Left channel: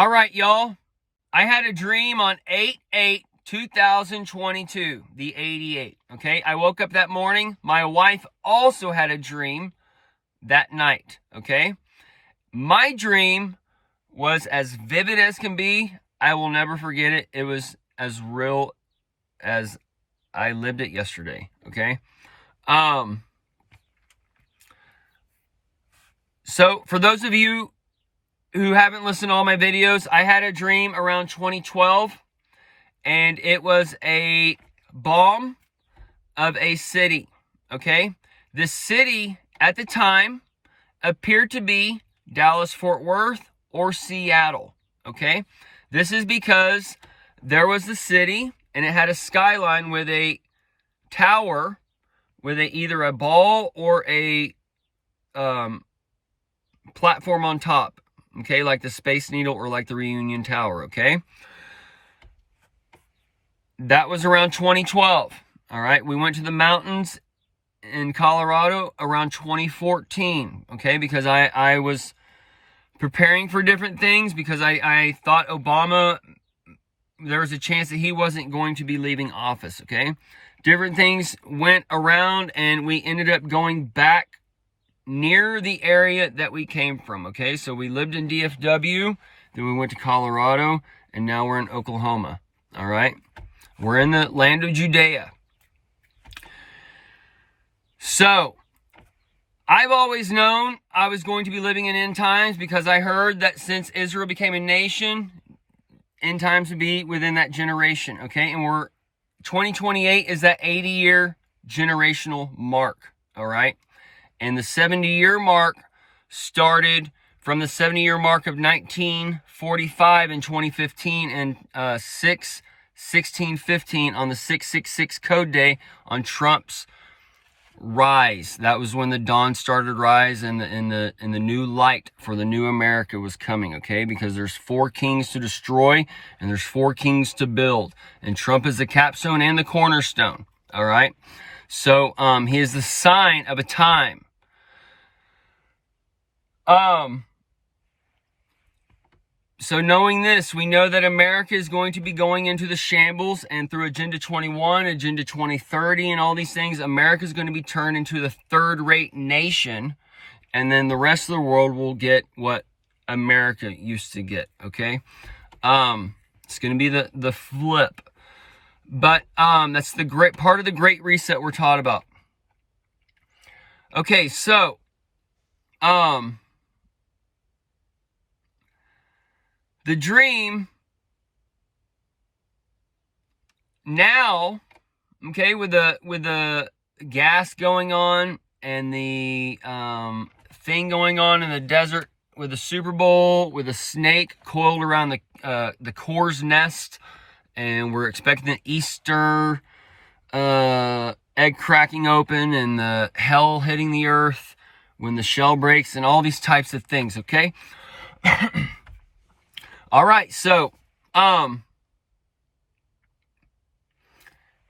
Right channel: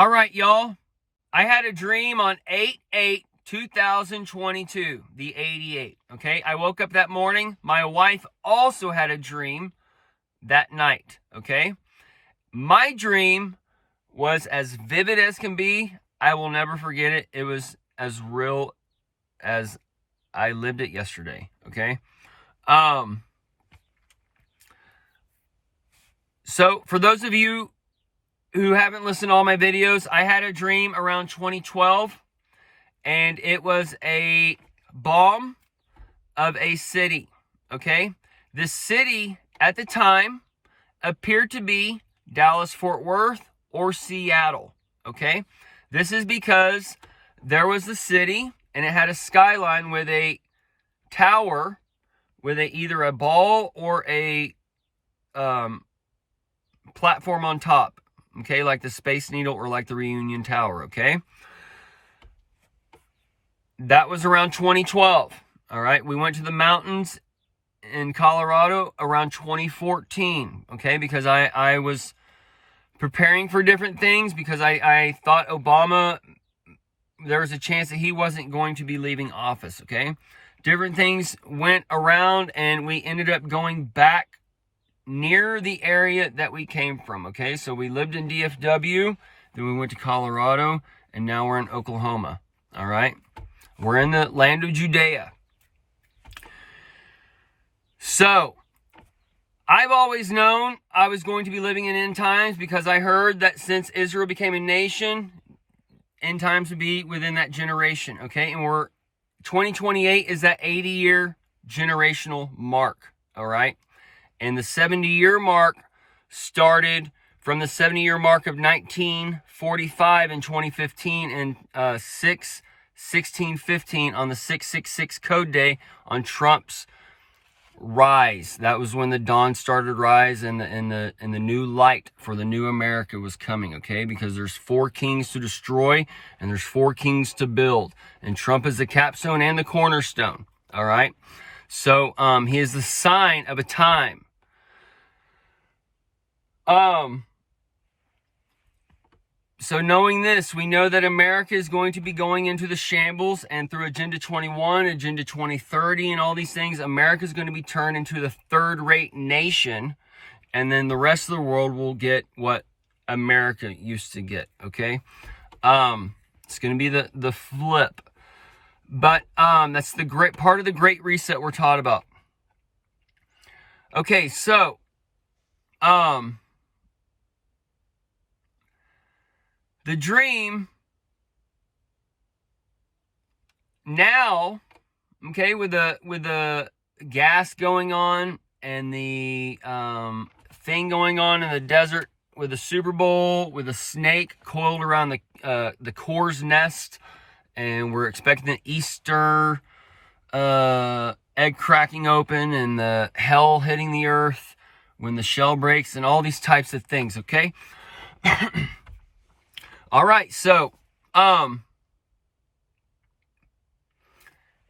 All right, y'all. I had a dream on 8/8/2022, the 88. Okay, I woke up that morning. My wife also had a dream that night. Okay, my dream was as vivid as can be. I will never forget it. It was as real as I lived it yesterday. Okay. So for those of you who haven't listened to all my videos, I had a dream around 2012, and it was a bomb of a city. Okay. This city at the time appeared to be Dallas, Fort Worth, or Seattle. Okay. This is because there was the city and it had a skyline with a tower with either a ball or a platform on top. Okay, like the Space Needle or like the Reunion Tower. Okay, that was around 2012. All right, we went to the mountains in Colorado around 2014. Okay, because I was preparing for different things, because I thought Obama, there was a chance that he wasn't going to be leaving office. Okay, different things went around and we ended up going back near the area that we came from. Okay, so we lived in DFW, then we went to Colorado, and now we're in Oklahoma. All right, we're in the land of Judea. So I've always known I was going to be living in end times, because I heard that since Israel became a nation, end times would be within that generation. Okay, and 2028 is that 80-year generational mark. All right. And the 70-year mark started from the 70-year mark of 1945 in 2015 and 6/16/15 on the 666 code day on Trump's rise. That was when the dawn started rise, and the new light for the new America was coming. Okay, because there's 4 kings to destroy and there's 4 kings to build, and Trump is the capstone and the cornerstone. All right, so he is the sign of a time. So knowing this, we know that America is going to be going into the shambles, and through Agenda 21, Agenda 2030, and all these things, America is going to be turned into the third-rate nation, and then the rest of the world will get what America used to get. Okay, it's going to be the flip, but that's the great part of the Great Reset we're taught about. Okay, so the dream now, okay, with the gas going on and the thing going on in the desert with the Super Bowl, with a snake coiled around the core's nest, and we're expecting the Easter egg cracking open and the hell hitting the earth when the shell breaks and all these types of things. Okay. All right, so in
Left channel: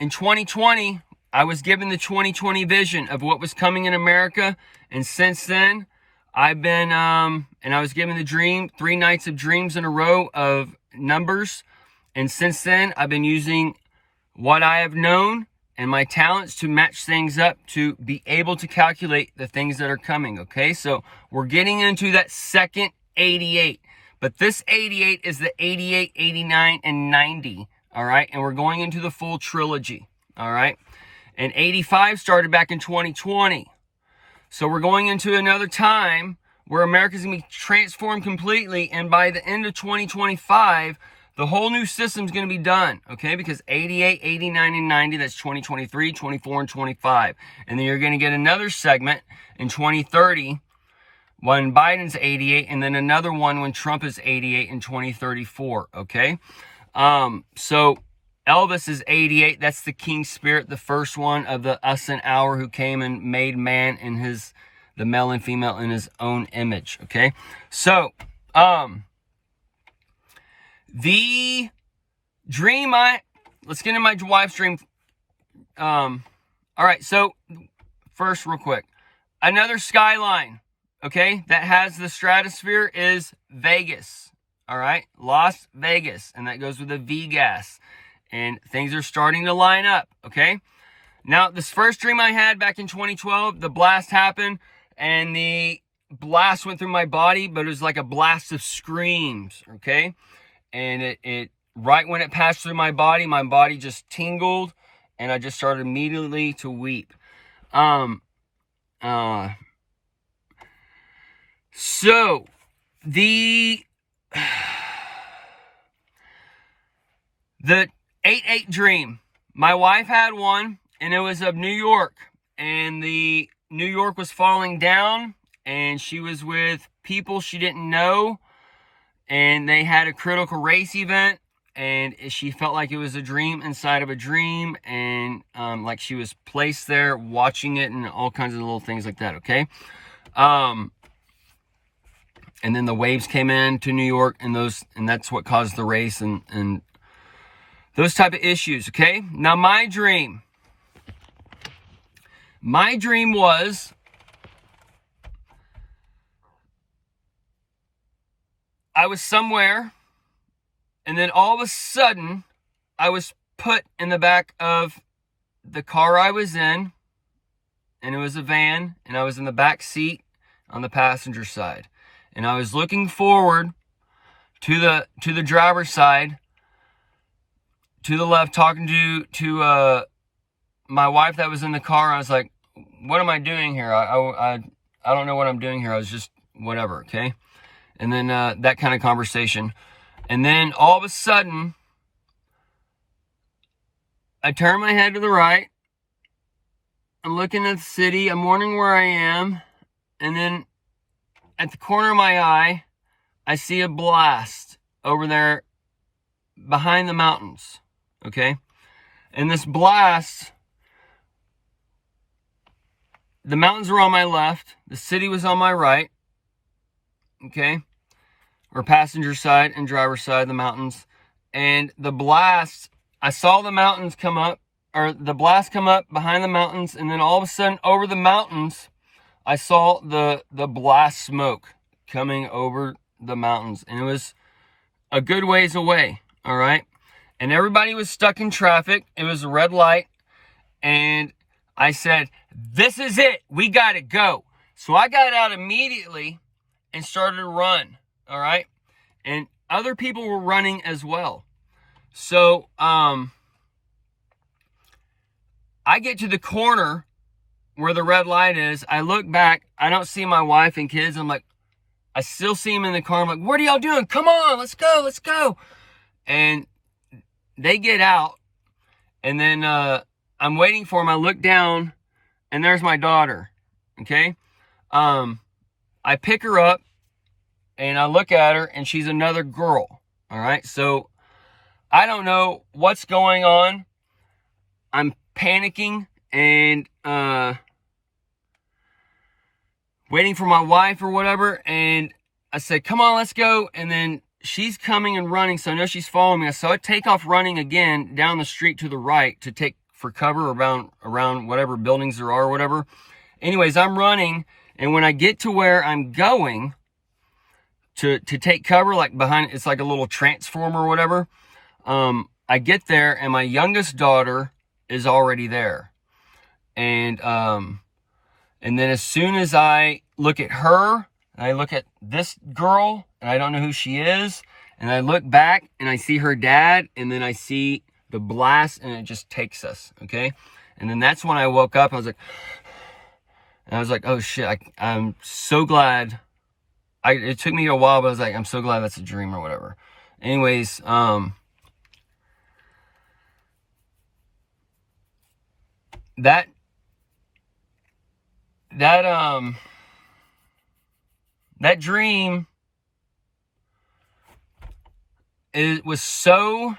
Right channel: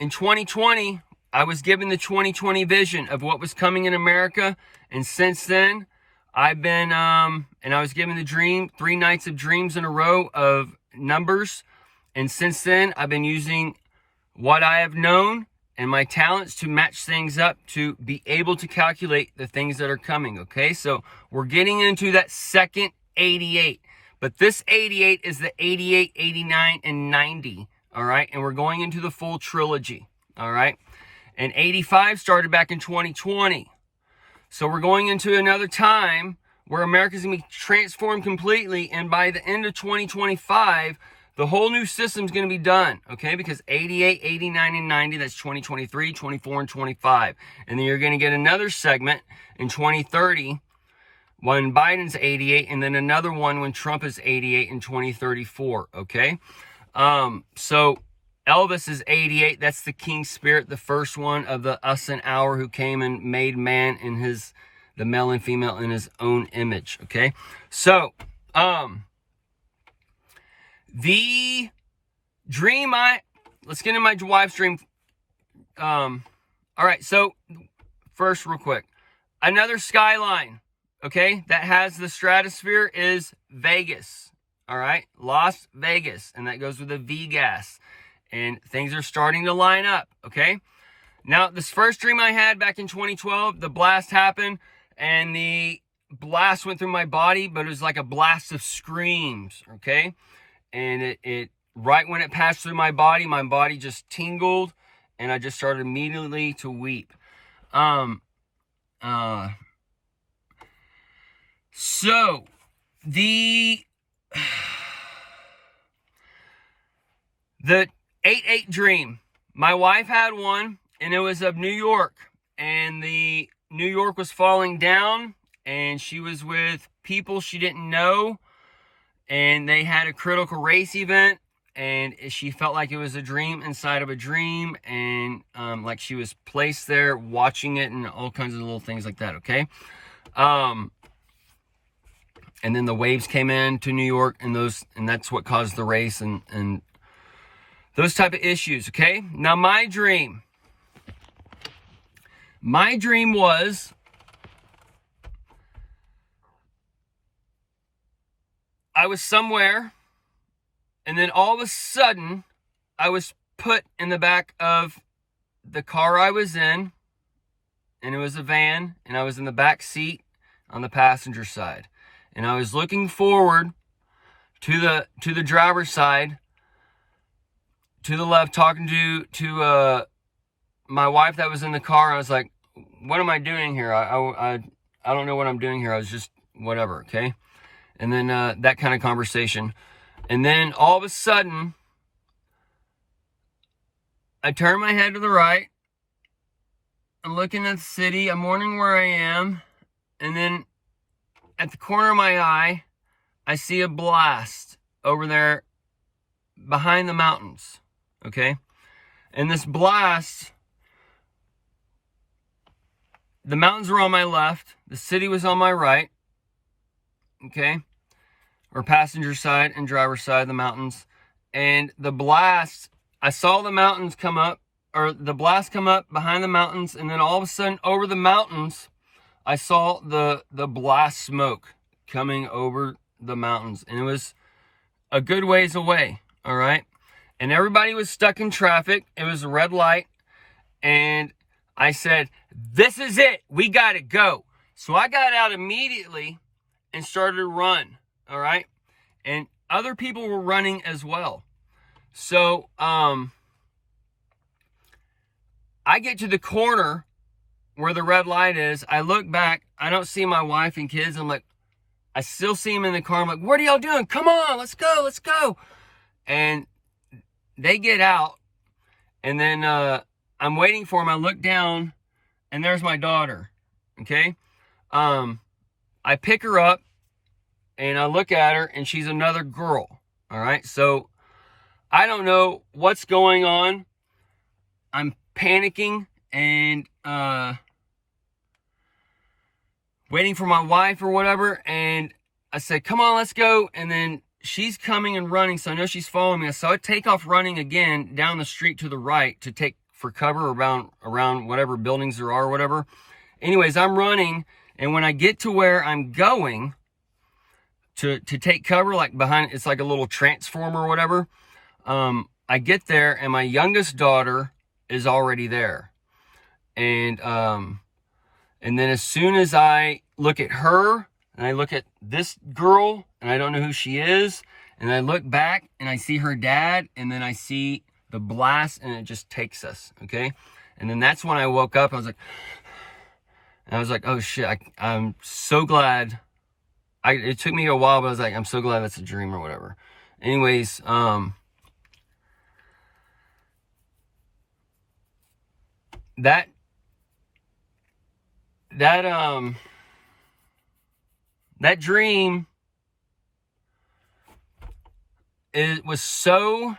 2020, I was given the 2020 vision of what was coming in America, and since then, I've been and I was given the dream, 3 nights of dreams in a row of numbers, and since then, I've been using what I have known and my talents to match things up to be able to calculate the things that are coming. Okay, so we're getting into that second 88. But this 88 is the 88, 89, and 90, all right? And we're going into the full trilogy, all right? And 85 started back in 2020. So we're going into another time where America's going to be transformed completely, and by the end of 2025, the whole new system's going to be done, okay? Because 88, 89, and 90, that's 2023, 24, and 25. And then you're going to get another segment in 2030, when Biden's 88, and then another one when Trump is 88 in 2034, okay? So Elvis is 88. That's the King Spirit, the first one of the us and our, who came and made man in the male and female in his own image, okay? So, the dream let's get into my wife's dream. All right, so first, real quick, another skyline, okay, that has the stratosphere is Vegas. all right? Las Vegas, and that goes with a Vegas. And things are starting to line up, okay? Now, this first dream I had back in 2012, the blast happened, and the blast went through my body, but it was like a blast of screams, okay? And it right when it passed through my body just tingled, and I just started immediately to weep. So the 8-8 dream, my wife had one, and it was of New York, and the New York was falling down, and she was with people she didn't know, and they had a critical race event, and she felt like it was a dream inside of a dream, and like she was placed there watching it, and all kinds of little things like that, okay? And then the waves came in to New York, and that's what caused the race and those type of issues, okay? Now, my dream was I was somewhere, and then all of a sudden, I was put in the back of the car I was in, and it was a van, and I was in the back seat on the passenger side. And I was looking forward to the driver's side, to the left, talking to my wife that was in the car. I was like, what am I doing here? I don't know what I'm doing here. I was just whatever, okay? And then that kind of conversation. And then all of a sudden, I turn my head to the right. I'm looking at the city. I'm wondering where I am. And then at the corner of my eye, I see a blast over there behind the mountains, okay? And this blast, the mountains were on my left, the city was on my right, okay? Or passenger side and driver side, the mountains. And the blast, I saw the mountains come up, or the blast come up behind the mountains, and then all of a sudden over the mountains, I saw the blast smoke coming over the mountains, and it was a good ways away, all right? And everybody was stuck in traffic. It was a red light, and I said, this is it. We got to go. So I got out immediately and started to run, all right? And other people were running as well. So I get to the corner where the red light is. I look back. I don't see my wife and kids. I'm like, I still see them in the car. I'm like, what are y'all doing? Come on, let's go, let's go. And they get out. And then I'm waiting for them. I look down, and there's my daughter, okay? I pick her up, and I look at her, and she's another girl, all right? So I don't know what's going on. I'm panicking and waiting for my wife or whatever, and I said, come on, let's go. And then she's coming and running, so I know she's following me. So I take off running again down the street to the right to take for cover around whatever buildings there are or whatever. Anyways, I'm running, and when I get to where I'm going to take cover, like behind, it's like a little transformer or whatever, I get there, and my youngest daughter is already there. And then as soon as I look at her, and I look at this girl, and I don't know who she is, and I look back, and I see her dad, and then I see the blast, and it just takes us, okay? And then that's when I woke up. I was like, oh shit, I'm so glad. It took me a while, but I was like, I'm so glad that's a dream or whatever. Anyways, that dream, it was so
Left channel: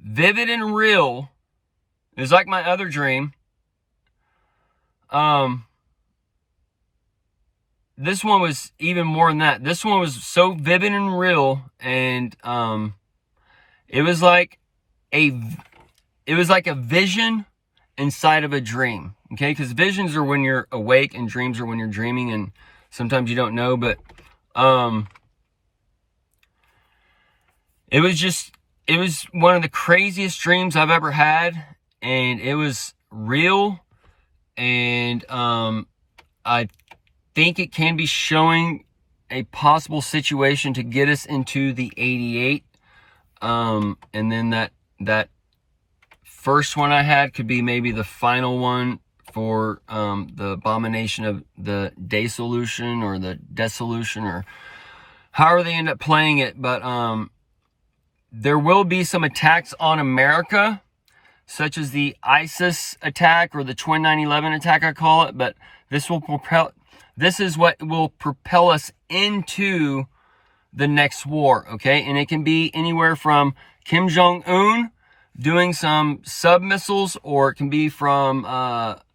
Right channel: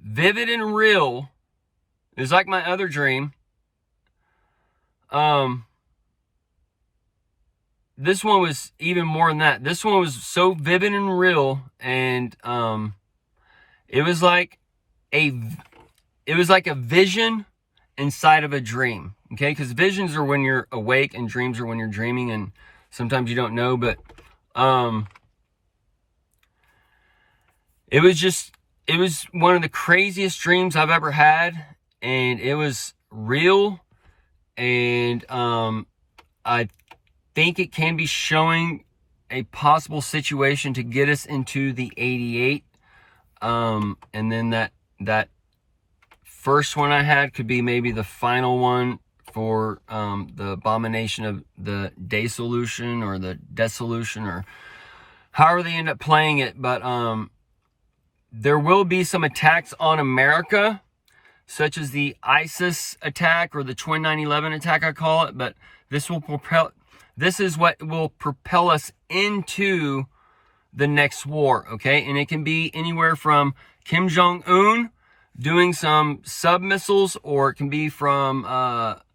vivid and real. It was like my other dream. This one was even more than that. This one was so vivid and real, and it was like a vision inside of a dream. Okay, because visions are when you're awake, and dreams are when you're dreaming, and sometimes you don't know. But it was one of the craziest dreams I've ever had, and it was real. And I think it can be showing a possible situation to get us into the 88. And then that first one I had could be maybe the final one for the abomination of the dissolution or the dissolution, or however they end up playing it. But there will be some attacks on America, such as the ISIS attack or the Twin 9/11 attack, I call it. But this is what will propel us into the next war, okay? And it can be anywhere from Kim Jong-un doing some sub missiles, or it can be from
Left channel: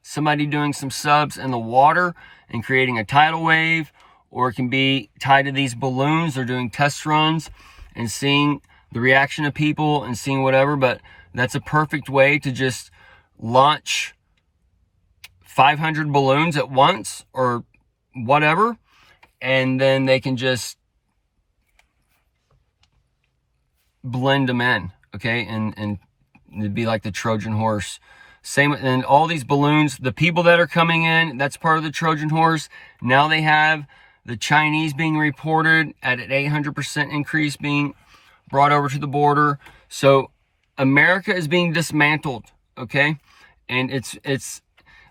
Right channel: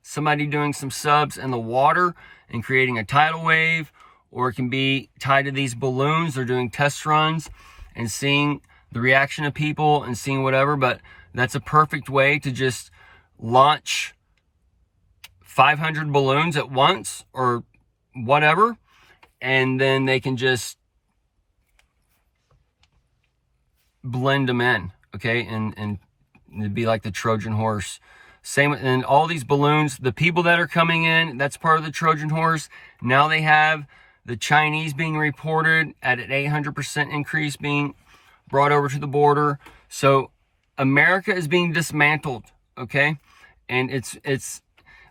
somebody doing some subs in the water and creating a tidal wave, or it can be tied to these balloons. They're doing test runs and seeing the reaction of people and seeing whatever. But that's a perfect way to just launch 500 balloons at once or whatever, and then they can just blend them in, okay? And it'd be like the Trojan horse. Same, and all these balloons, the people that are coming in, that's part of the Trojan horse. Now they have the Chinese being reported at an 800% increase being brought over to the border. So America is being dismantled, okay? And it's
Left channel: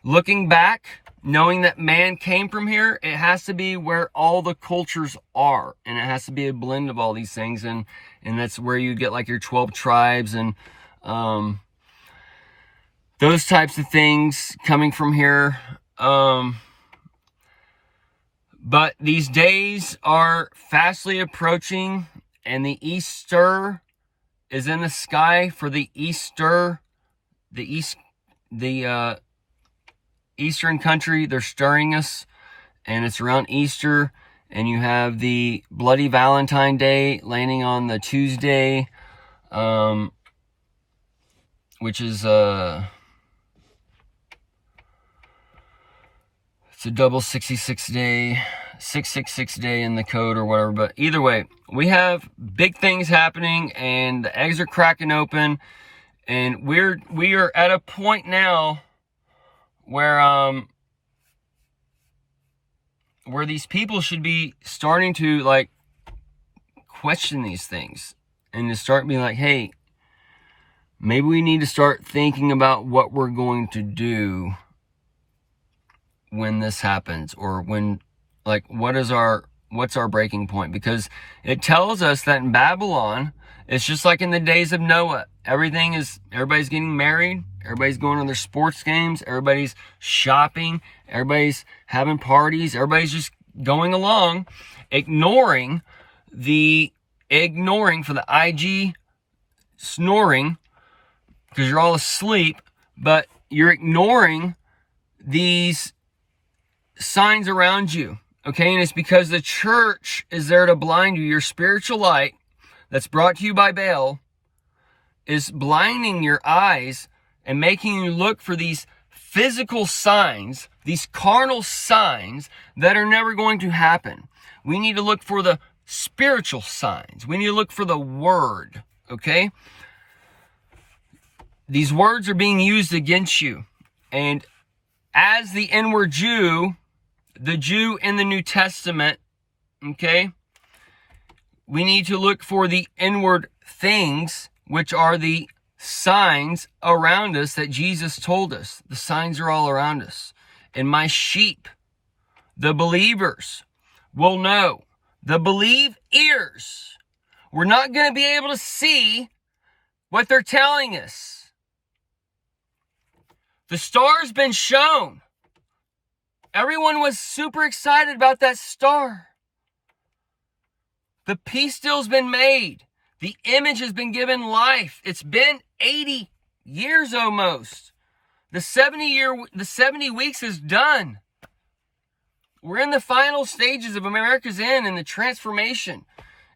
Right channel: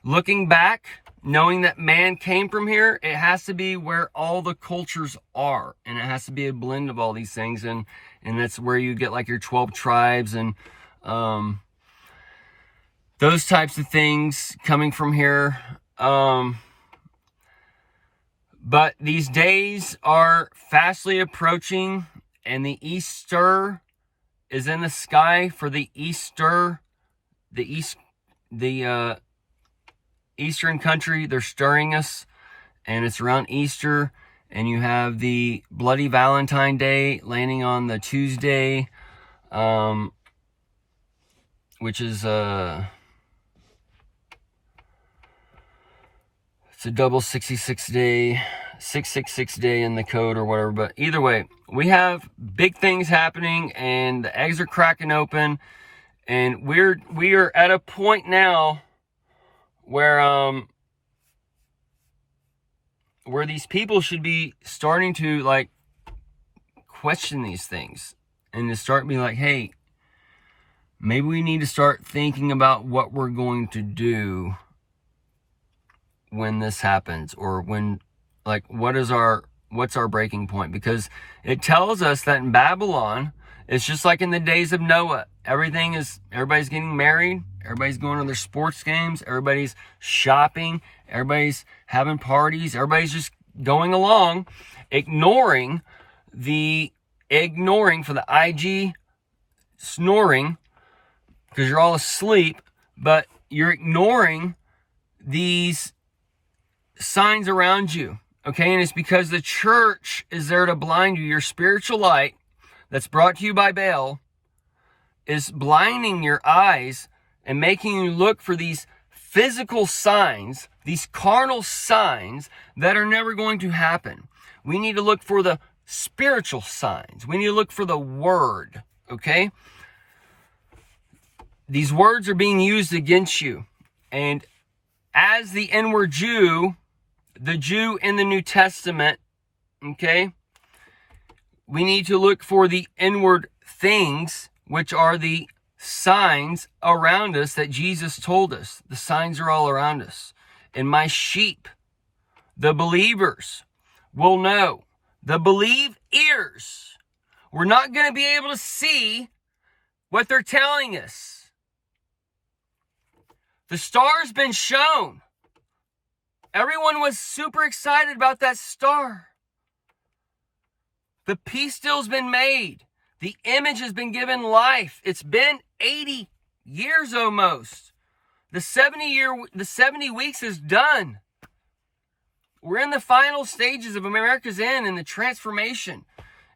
looking back, knowing that man came from here, it has to be where all the cultures are, and it has to be a blend of all these things, and that's where you get like your 12 tribes and those types of things coming from here. But these days are fastly approaching, and the Easter is in the sky for the Easter, the Eastern country. They're stirring us, and it's around Easter, and you have the Bloody Valentine Day landing on the Tuesday, which is it's a double 66 day, 666 day in the code or whatever. But either way, we have big things happening, and the eggs are cracking open, and we are at a point now where these people should be starting to like question these things, and to start being like, hey, maybe we need to start thinking about what we're going to do when this happens, or when, like, what's our breaking point? Because it tells us that in Babylon, it's just like in the days of Noah. Everybody's getting married, everybody's going to their sports games, everybody's shopping, everybody's having parties, everybody's just going along, ignoring for the IG snoring, because you're all asleep, but you're ignoring these signs around you, okay? And it's because the church is there to blind you. Your spiritual light that's brought to you by Baal is blinding your eyes and making you look for these physical signs, these carnal signs that are never going to happen. We need to look for the spiritual signs. We need to look for the word, okay? These words are being used against you. And as the inward Jew, the Jew in the New Testament, okay, we need to look for the inward things, which are the signs around us that Jesus told us. The signs are all around us. And my sheep, the believers, will know. The believe ears. We're not going to be able to see what they're telling us. The star's been shown. Everyone was super excited about that star. The peace deal's been made. The image has been given life. It's been 80 years almost. The 70 weeks is done. We're in the final stages of America's end and the transformation.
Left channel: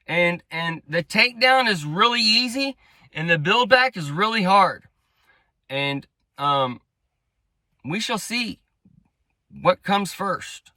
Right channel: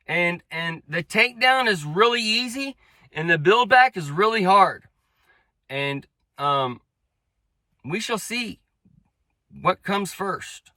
And the takedown is really easy, and the build back is really hard. And we shall see what comes first.